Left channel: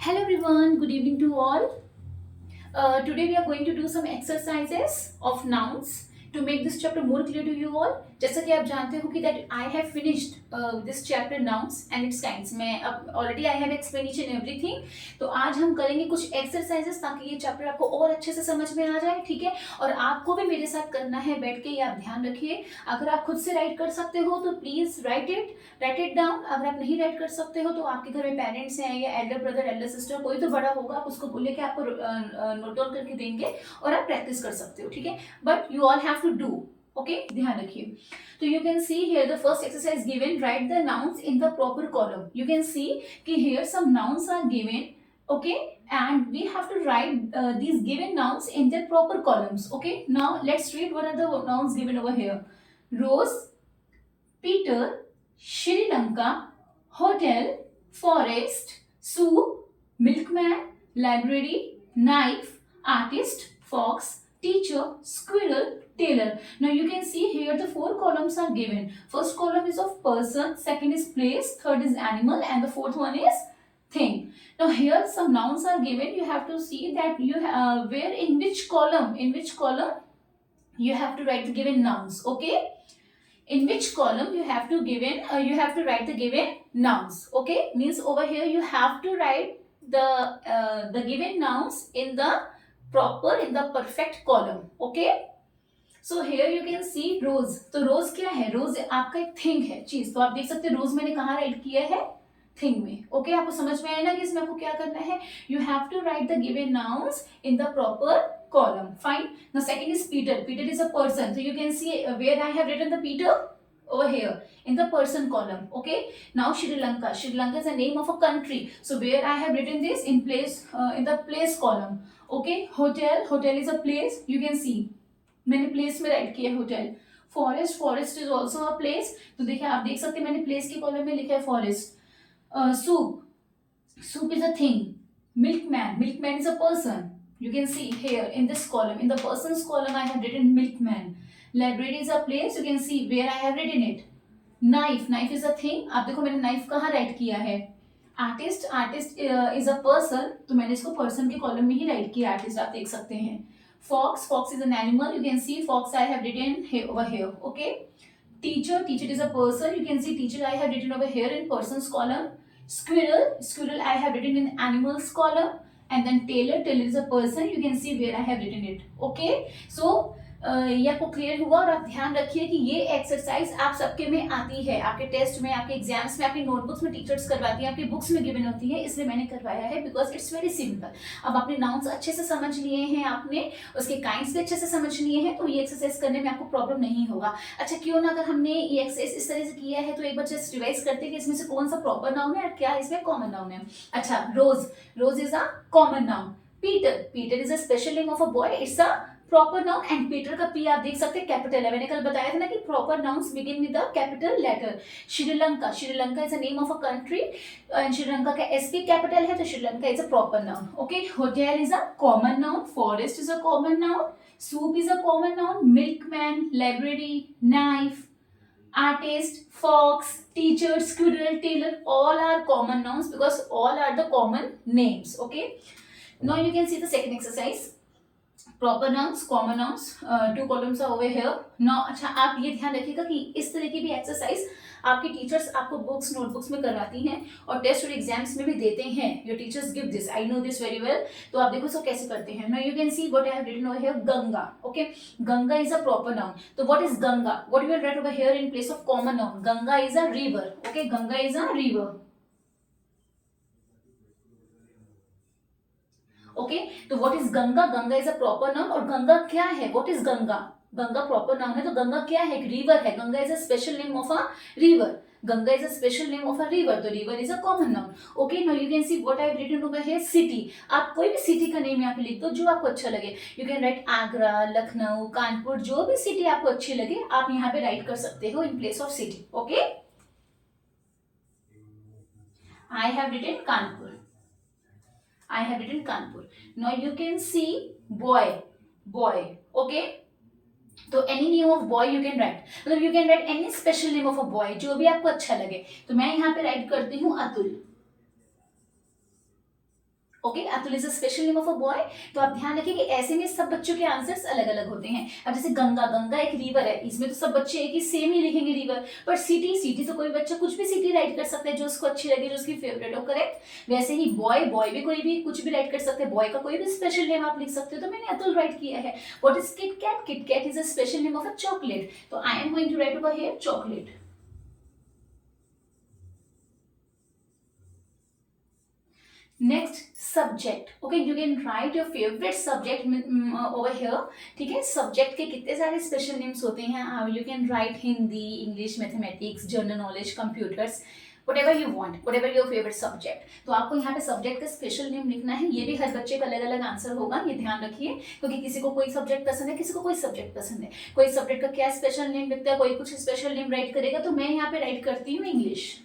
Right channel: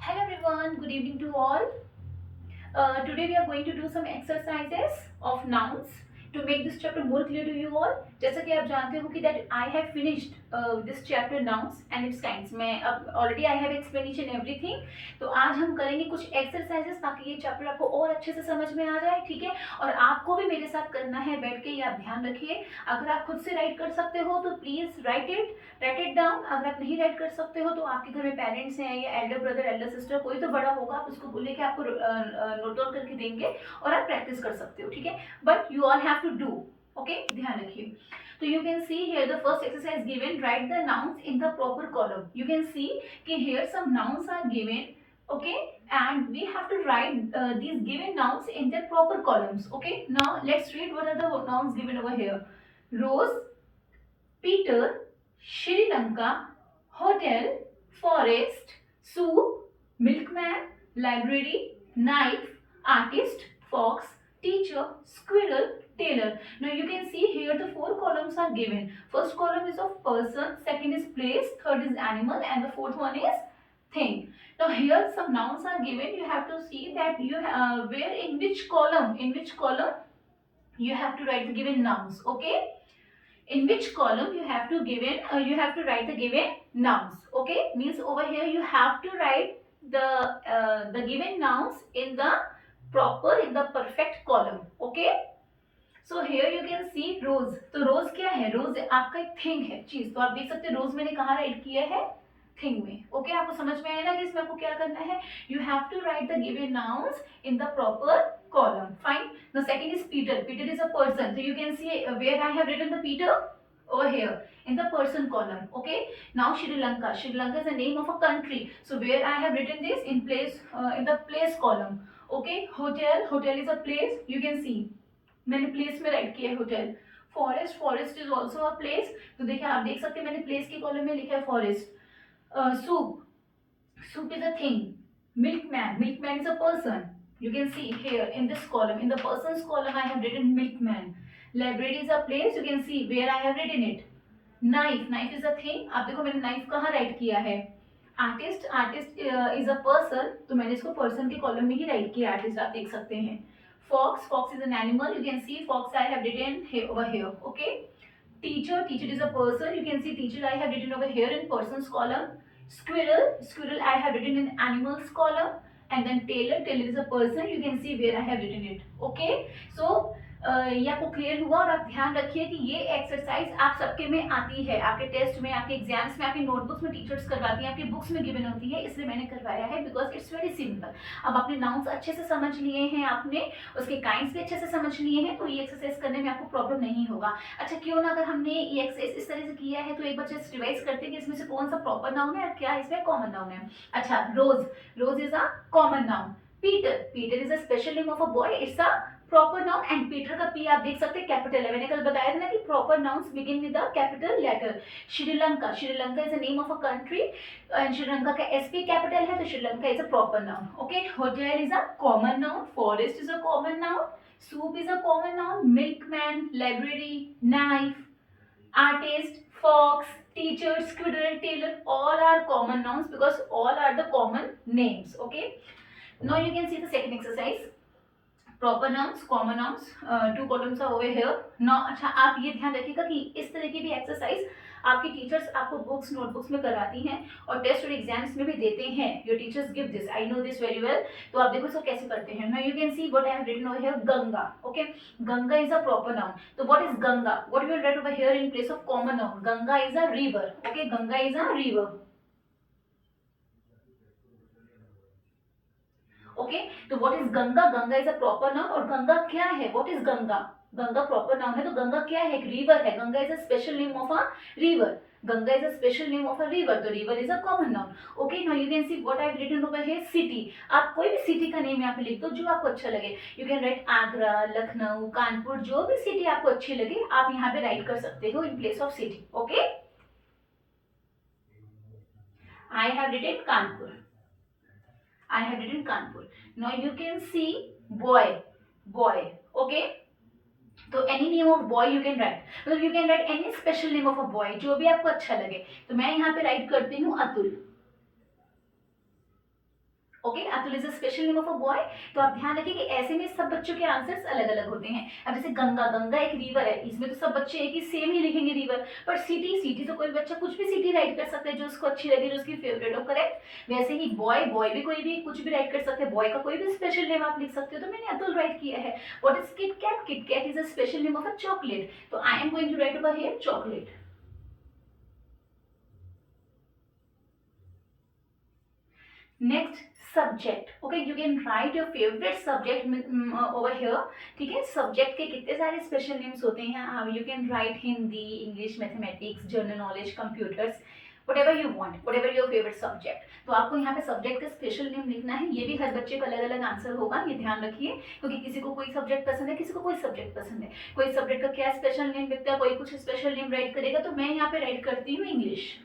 Hello everyone, good evening to all. Today we are going to do some exercises of nouns to make this chapter more clear to you all. जैसा कि आप जानते हो कि that I have finished this chapter nouns and its kinds. मैं अब already I have explained each and everything. तो आज हम करेंगे कुछ exercises ताकि ये चैप्टर आपको और अच्छे से समझ में आ जाए, ठीक है। और आपको भी मेरे साथ करना है बैठ के, ये आप ध्यान रखिए। अगर आप खुद से राइट कर सकते हो तो प्लीज राइट इट डाउन। अगर आप नहीं राइट कर सकते हो तो आपके घर में पेरेंट्स हैं या एल्डर ब्रदर एल्डर सिस्टर कोई तो बड़ा होगा, आप उसको बोले कि आपको नोट डाउन करके देंगे और आप प्रैक्टिस कर सकते हो, ठीक है। But you all have to do, okay, ध्यान रखिए। तो you can see here the first exercise given, write the nouns in the proper column. You can see कि here some nouns are given, okay, and we have to write these given nouns in their proper columns. Okay, now let's read what are the nouns given over here. Rose, Peter, Sri Lanka, hotel, forest, soup, milkman, library, knife, artist, fox, teacher, squirrel, tailor. Now you can see here the four columns are given. First column is of person, second is place, third is animal, and the fourth one is thing. Now here some nouns are given. You have to see that you where in which column you have to write the given nouns. Okay, in which column you have to write the given nouns. Okay, means over here you have to write the given nouns in the perfect column. Okay, so here you can see rose. तो रोज क्या है? रोज आपका एक thing है, चीज। तो आप देख सकते हैं रोज मैंने कहाँ राइट किया है? थिंग में। ओके, आपको समझ में आया ना कि इसमें आपको क्या करना है? You have to write the given nouns in the proper column. Fine. Now second is Peter. Peter is a person. So you can see where I have written the Peter over here in the person column. Okay. Now Sri Lanka. Sri Lanka is the name of a country. So where I have written this in place in the place column. Okay. Hotel. Hotel is a place. You can see मैंने place में write किया है hotel. Forest. Forest is also a place. तो देखिए आप देख सकते हैं मैंने place के column में लिखा है forest. Soup. Soup is a thing. Milkman. Milkman is a person. You can see here in this column, in the person's column, I have written milkman. Library is a place. You can see where I have written it. Knife. Knife is a thing. आप देखो मैंने knife कहाँ write किया है? Artist. Artist is a person. तो मैंने इसको person के column में ही write किया artist, आप देख सकते हैं. Fox. Fox is an animal. You can see fox I have written here, over here. Okay. Teacher. Teacher is a person. You can see teacher I have written over here in person's column. Squirrel. Squirrel I have written in animals column. And then tailor. Tailor is a person. You can see where I have written it. Okay. So ये आपको clear हुआ। और आप ध्यान रखिए कि ये exercise आप सबके में आती है, आपके टेस्ट में, आपके एग्जाम्स में, आपकी नोटबुक्स में टीचर्स करवाती हैं, आपकी बुक्स में गिवन होती है, इसलिए मैंने करवाया है बिकॉज इट्स वेरी सिंपल। अब आपने नाउन्स अच्छे से समझ लिए हैं, आपने उसके काइंड्स भी अच्छे से समझ लिए हैं, तो ये एक्सरसाइज करने में आपको प्रॉब्लम नहीं होगा। अच्छा, क्यों ना अगर हमने ये एक्सरसाइज इस तरह से किया है तो एक बार जस्ट रिवाइज करते हैं कि इसमें से कौन सा प्रॉपर नाउन है और क्या इसमें कॉमन नाउन है। अच्छा, rose. Rose is a common noun. Peter. Peter is a special name of a boy. It's a proper noun and Peter का पी आप देख सकते हैं कैपिटल है। मैंने कल बताया था ना कि proper nouns begin with the capital letter. Sri Lanka. Sri Lanka is a name of a country and Sri Lanka का एस पी कैपिटल है, तो Sri Lanka is a proper noun. Okay, hotel is a common noun. Forest is a common noun. Soup is a common noun. Milkman, library, knife, artist, fox, teacher, squirrel, tailor, all are common nouns because all are the common names. Okay, now you can see the second exercise. Proper nouns, common nouns, two columns are over here now. अच्छा, आप ये ध्यान रखिएगा कि इस तरह की भी एक्सरसाइज आपकी टीचर्स आपको बुक्स नोटबुक्स में करवाती हैं और टेस्ट और एग्जाम्स में भी देते हैं। Your teachers give this, I know this very well. तो आप देखो इसको कैसे करते हैं। Now you can see what I have written over here, Ganga. Okay, Ganga is a proper noun. तो what is Ganga? What we have write over here in place of common noun? Ganga is a river. Okay, Ganga is a river. Okay, तो what is Ganga? Ganga is a proper noun. और गंगा क्या है? What is Ganga? Ganga proper noun है, तो गंगा क्या है? एक river है. Ganga is a special name of a river. Ganga is a special name of a river, तो river is a common noun. Okay, now you can see what I have written over here, city. आप कोई भी city का name यहाँ पे लिख दो जो आपको अच्छा लगे. You can right Agra, Lucknow, Kanpur, जो भी सिटी आपको अच्छी लगे आप यहाँ पे राइट कर सकते हो in place of city. Okay, I have written Kanpur. I have written Kanpur. Now you can see boy. Boy. Okay. तो any name of boy you can write. मतलब you can write any special name of a boy, जो भी आपको अच्छा लगे. तो मैं यहाँ पे राइट करती हूँ Atul. Okay, Atul is a special name of a boy. तो आप ध्यान रखिए कि ऐसे में सब बच्चों के आंसर्स अलग अलग होते हैं। अब जैसे गंगा, गंगा एक रिवर है, इसमें तो सब बच्चे एक ही सेम ही लिखेंगे रिवर। पर सिटी, सिटी तो कोई बच्चा कुछ भी सिटी राइट कर सकता है जो उसको अच्छी लगे, जो उसकी फेवरेट हो, करेक्ट। वैसे ही बॉय, बॉय भी कोई भी कुछ भी राइट कर सकते हैं, बॉय का कोई भी स्पेशल नेम आप लिख सकते हो। तो मैंने अतुल राइट किया है। What is KitKat? KitKat is a special name of a chocolate. तो I am going to write over here chocolate. Next, subject. Okay, you can write your favourite subject over here. ठीक है, subject के कितने सारे special names होते हैं। You can right Hindi, English, mathematics, general knowledge, computers, whatever you want, whatever your favorite subject। तो आपको यहाँ पे सब्जेक्ट का स्पेशल नेम लिखना है। ये भी हर बच्चे का अलग अलग आंसर होगा, ये ध्यान रखिए, क्योंकि किसी को कोई सब्जेक्ट पसंद है, किसी को कोई सब्जेक्ट पसंद है। कोई सब्जेक्ट का क्या स्पेशल नेम लिखता है, कोई कुछ स्पेशल नेम राइट करेगा। तो मैं यहाँ पे राइट करती हूँ English.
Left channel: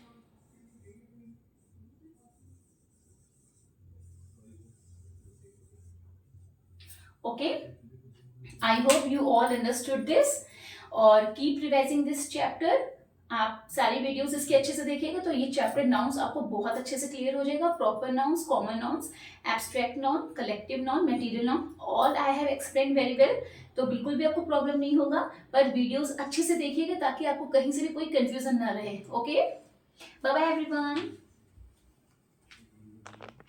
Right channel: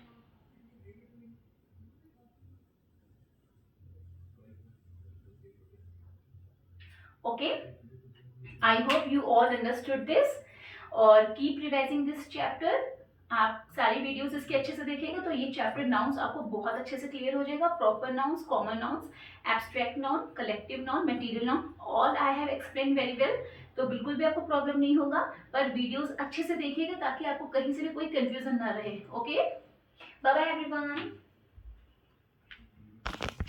Okay, I hope you all understood this, और कीप रिवाइजिंग दिस चैप्टर। आप सारी वीडियोस इसके अच्छे से देखिएगा तो ये चैप्टर नाउन्स आपको बहुत अच्छे से क्लियर हो जाएगा। Proper nouns, common nouns, abstract noun, collective noun, material noun, all I have explain very well. तो बिल्कुल भी आपको प्रॉब्लम नहीं होगा, पर वीडियोस अच्छे से देखिएगा ताकि आपको कहीं से भी कोई कंफ्यूजन ना रहे। Okay, bye bye everyone.